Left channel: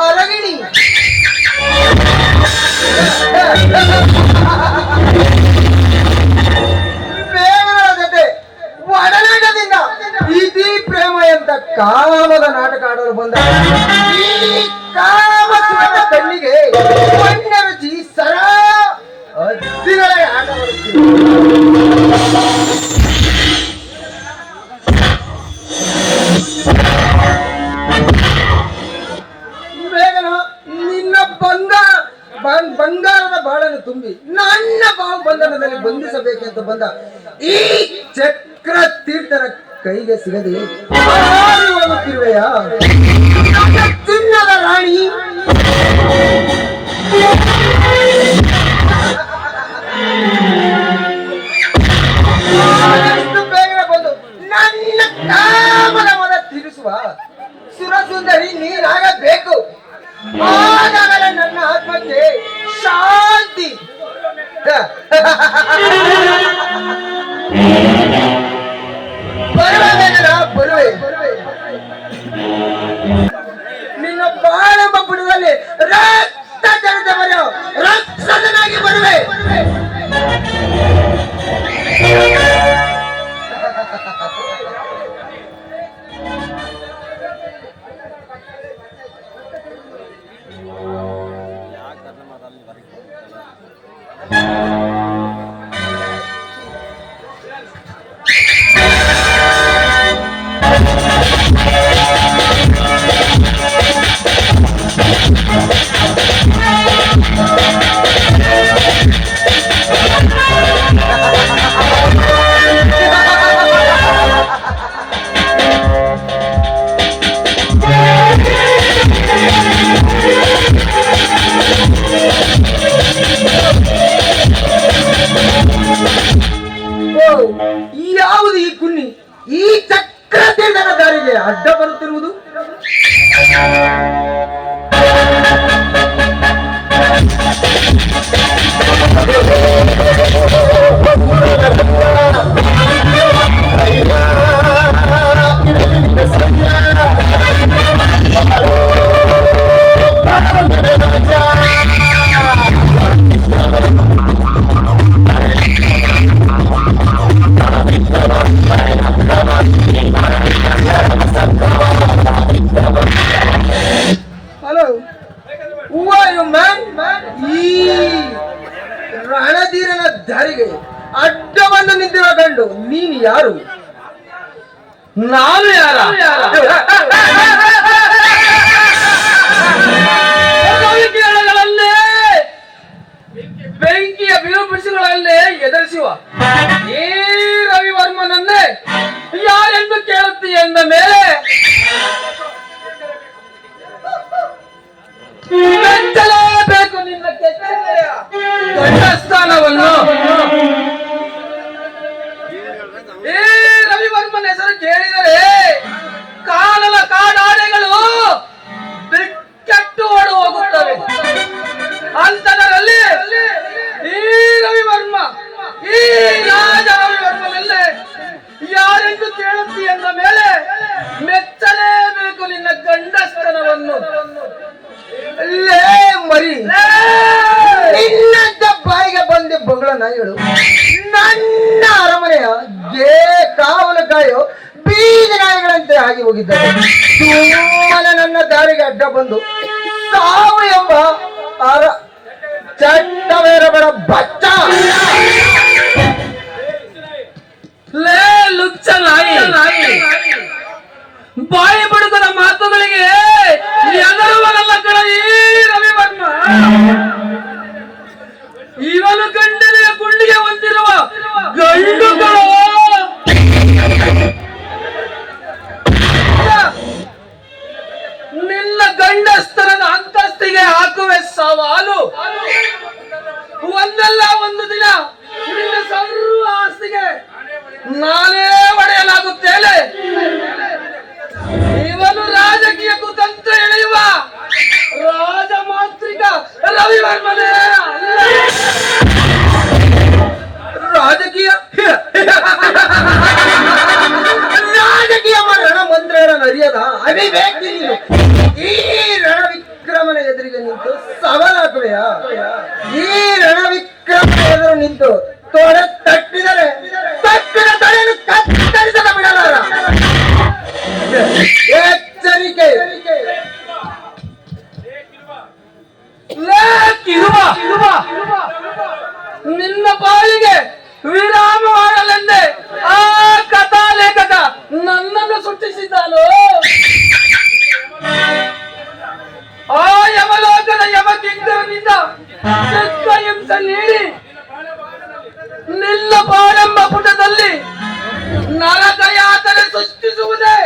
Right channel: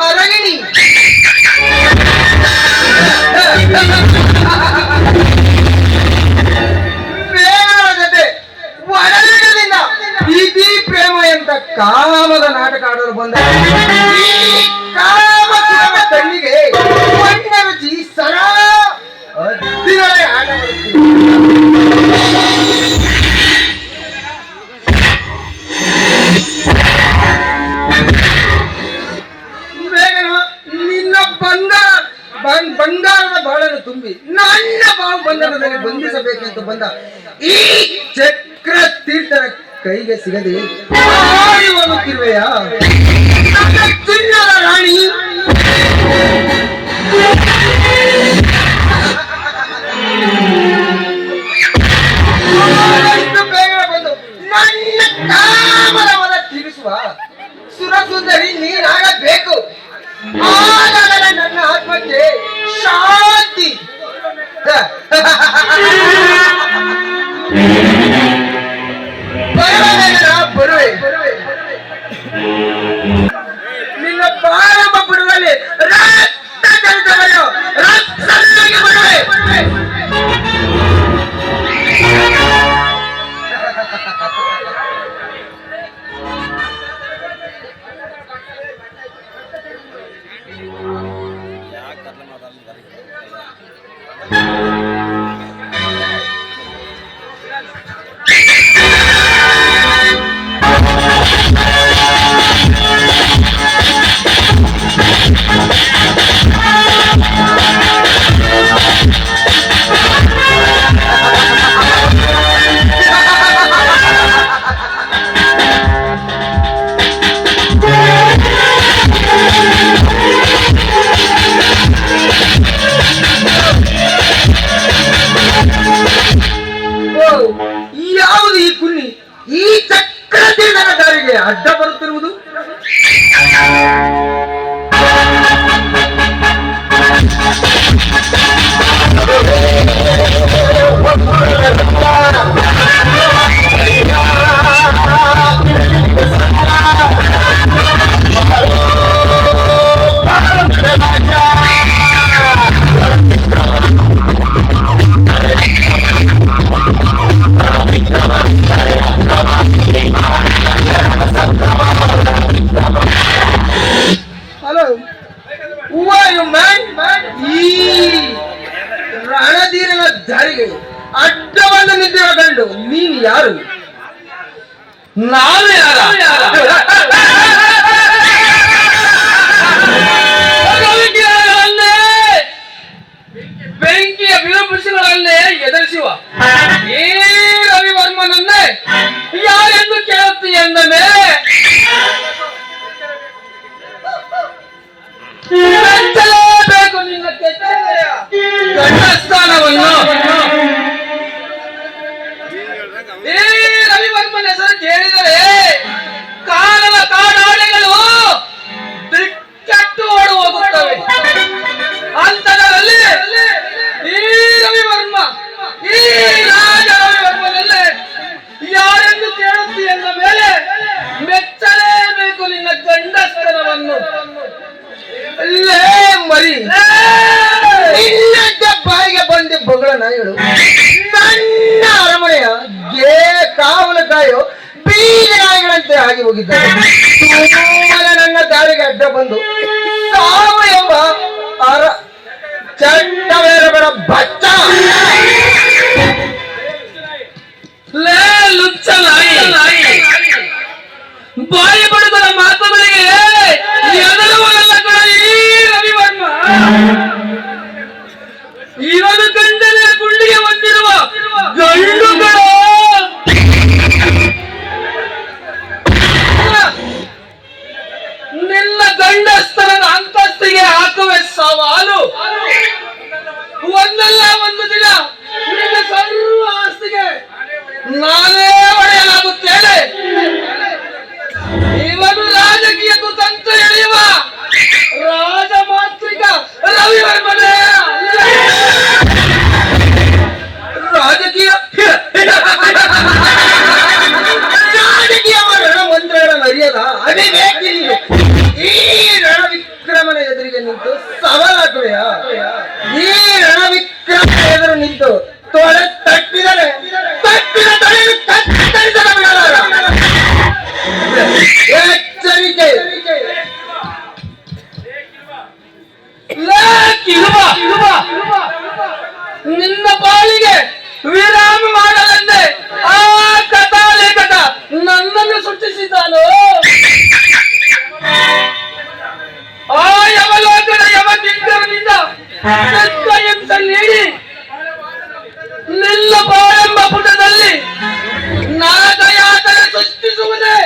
ಅರಗಿಣಿ ಜೊತೆ ಒಡಲಿಡಲಿಲ್ಲ ಪ್ರೀತಿ ಪ್ರೇಮ ಎಂತ ಕಾಮದ ನಾಟಕ ಆಡಲು ಬಂದ ನನ್ನ ಬಾವು ಬಂಧನದಲ್ಲಿ ಬಂಧಿಸಬೇಕೆಂದು ಬಂದ ಈ ಚಕ್ರ ತೀರ್ಥರ ಕೈಗೆ ಸಿಗದೆ ಹೋಗುತ್ತಿರುವೆಯಾ? ಚಿನ್ನದ ರಾಣಿ! ಯಾವುದು ಈ ಕುನ್ನಿ ಈ ಚಕ್ರತೆ ನನ್ನ ದಾರಿಗೆ ಅಡ್ಡ ಬರುತ್ತಿರುವುದು Oh, ದಾರಿಗೆ ಅಡ್ಡವನ್ನು ನಿದ್ದೆ ಕಂಡು ನೀನು ಯಾರು ನಾನು ಯಾರು ಹೋಗಿದ್ದ ಸುಮ್ಮನೆ ನನ್ನ ದಾರಿಗೆ ಅಡ್ಡ ಬಂದು ಸಾವು ಎಂಬ ಅರ ಚಂಡವೇರಬಡ ಬಚ್ಚ ಲೇ ಲುಚ್ಚ ನಾಯಿ ಬಾಯಿ ಆತನ ಈ ರಣವಿಕ್ರಮನ ಎದುರಿಗೆ ನಿಂತು ಸವಾಲಾಗುವೆಯ ಈ ರಣವಿಕ್ರಮ ಎದುರು ನಿಂತು ತೊಳೆ ತಟ್ಟಿದರೆ, ತಟ್ಟಿದ ತಲೆಯನ್ನು ಕತ್ತರಿಸದ ಬಿಡಲಾರ ಎಚ್ಚರಿಕೆ. ನಿನ್ನ ಬಾಳಿಗೆ ವಿರಾಮ ಮಾಡಲೆಂದೇ ಆ ನನ್ನನ್ನು ಸೃಷ್ಟಿಸಿದ್ದಾನು? ಆ ಯಮಲೋಕದ ಯಮ ಕಿಂಕರನಿಂದ ಹಿಂಸೆ ನೀಡಿ ನಿಲ್ಲ ಬಾಳೆಂಬ ಪುಟದಲ್ಲಿ ನರಕ ಯಾತನೆ ಸೃಷ್ಟಿಸುವುದೇ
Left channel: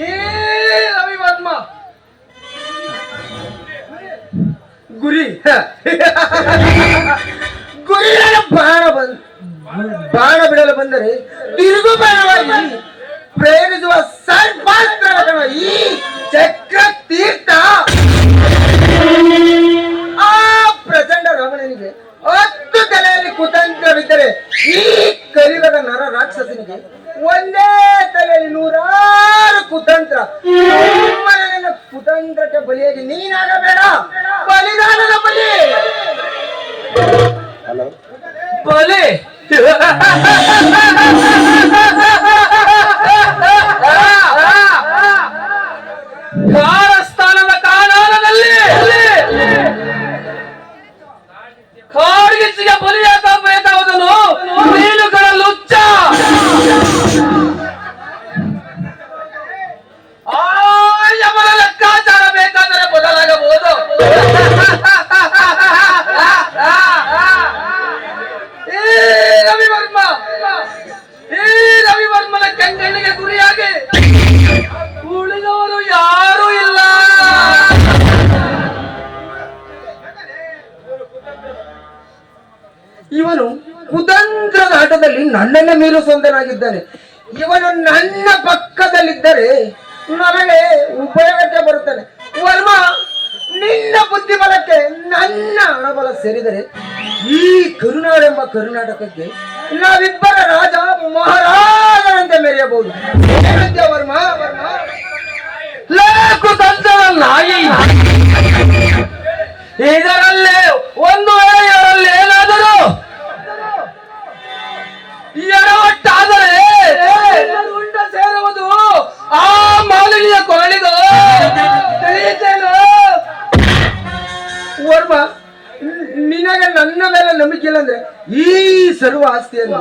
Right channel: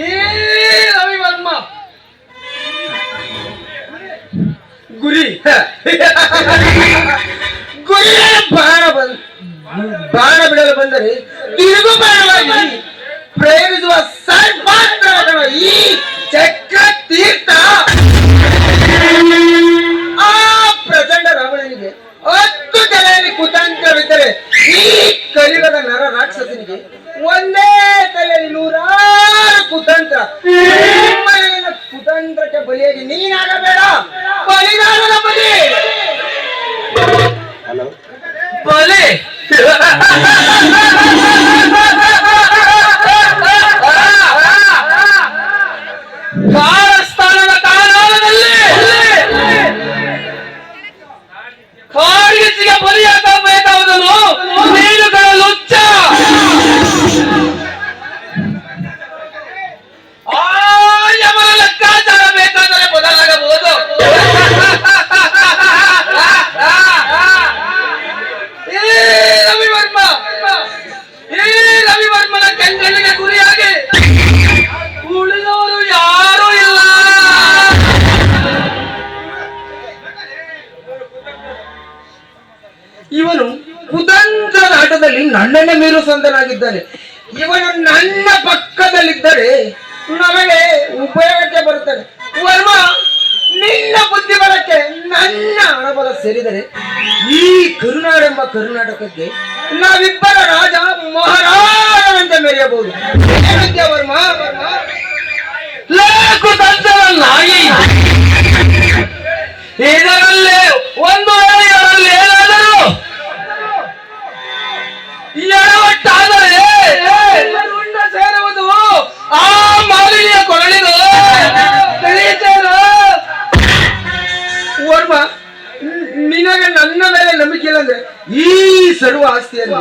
ಈ ರವಿವರ್ಮ. ಗುರಿ ಗುರಿಯ ಬಾಣ ಬಂದ ಬಾಣ ಬಿಡಲು ಬಂದರೆ ತಿರುಗು ಬಾಣವಾಗಿ ಪ್ರೇರಿಸುವ ಸರ್ವಾಸ್ತ್ರ ಈ ಚಕ್ರ ತೀರ್ಥ ಆ ಪ್ರಚಂಡ ರಾವಣನಿಗೆ ಹತ್ತು ತಲೆಯಲ್ಲಿ ಕುತಂತ್ರವಿದ್ದರೆ ಈ ಕಲಿಯುಗದ ನರ ರಾಕ್ಷಸನಿಗೆ ಒಂದೇ ತಲೆಯಲ್ಲಿ ನೂರಾರು ಕುತಂತ್ರ. ಕುತಂತ್ರಕ್ಕೆ ಬಲಿಯಾಗಿ ನೀನಾಗಬೇಡ. ಬಲಿದಾನನ ಬಲಿ. ಬಲೆ. ಆಟದಲ್ಲಿ ನನ್ನನ್ನ ಮೀರಿಸುವಂತನಾಗಿದ್ದಾನೆ ಇವನು ನನ್ನ ಪಕ್ಕದಲ್ಲಿದ್ದರೆ ನಮಗೆ ಉಪಯೋಗಕ್ಕೆ ಬರುತ್ತಾನೆ ವರ್ಮ, ನಿನ್ನ ಬುದ್ಧಿಬಲಕ್ಕೆ ನನ್ನ ಹಣಬಲ ಸೇರಿದರೆ ಈ ಕರುನಾಡೆಂಬ ಕರ್ನಾಟಕಕ್ಕೆ ನಾವಿಬ್ಬರ ರಾಜ ಮಹಾರಾಜನಂತ ಮೆರೆಯಬಹುದು. ವರ್ಮ ವರ್ಮ? ಲೇಕು ತಂತ್ರ ನಾಯಿ ಇದರಲ್ಲಿ ಒಂದು ವೇಳೆ ಇದರಲ್ಲಿ ಕೊರಳಿದು ತಿಳಿಯುತ್ತೇನು ನಿನಗೆ ನನ್ನ ಮೇಲೆ ನಂಬಿಕೆ ಇಲ್ಲ ಅಂದ್ರೆ ಈ ಸರ್ವ ಆಸ್ತಿಯನ್ನು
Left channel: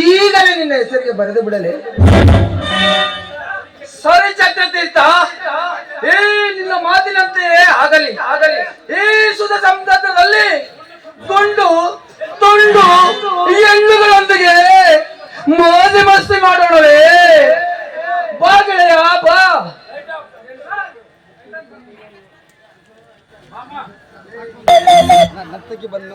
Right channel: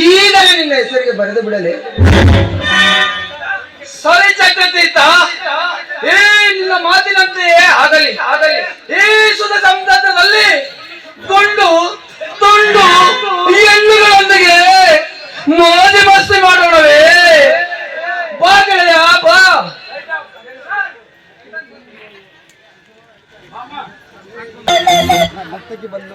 ಈಗಲೇ ನಿನ್ನ ಹೆಸರಿಗೆ ಬರೆದು ಬಿಡಲೆ. ಸರಿ ಚಕ್ರತೀರ್ಥ ಏ ನಿನ್ನ ಮಾತಿನಂತೆಯೇ ಆಗಲಿ. ಆಗಲಿ ಈ ಸುದ ಸಂದರ್ಭದಲ್ಲಿ ತೊಂಡು, ತುಂಡು ಹೆಣ್ಣುಗಳೊಂದಿಗೆ ಮೋದಿ ಮಸ್ತಿ ಮಾಡೋಣವೇ. ಬಾ ಗೆಳೆಯ, ಬಾ. ಮತ್ತೆ ಬಂದು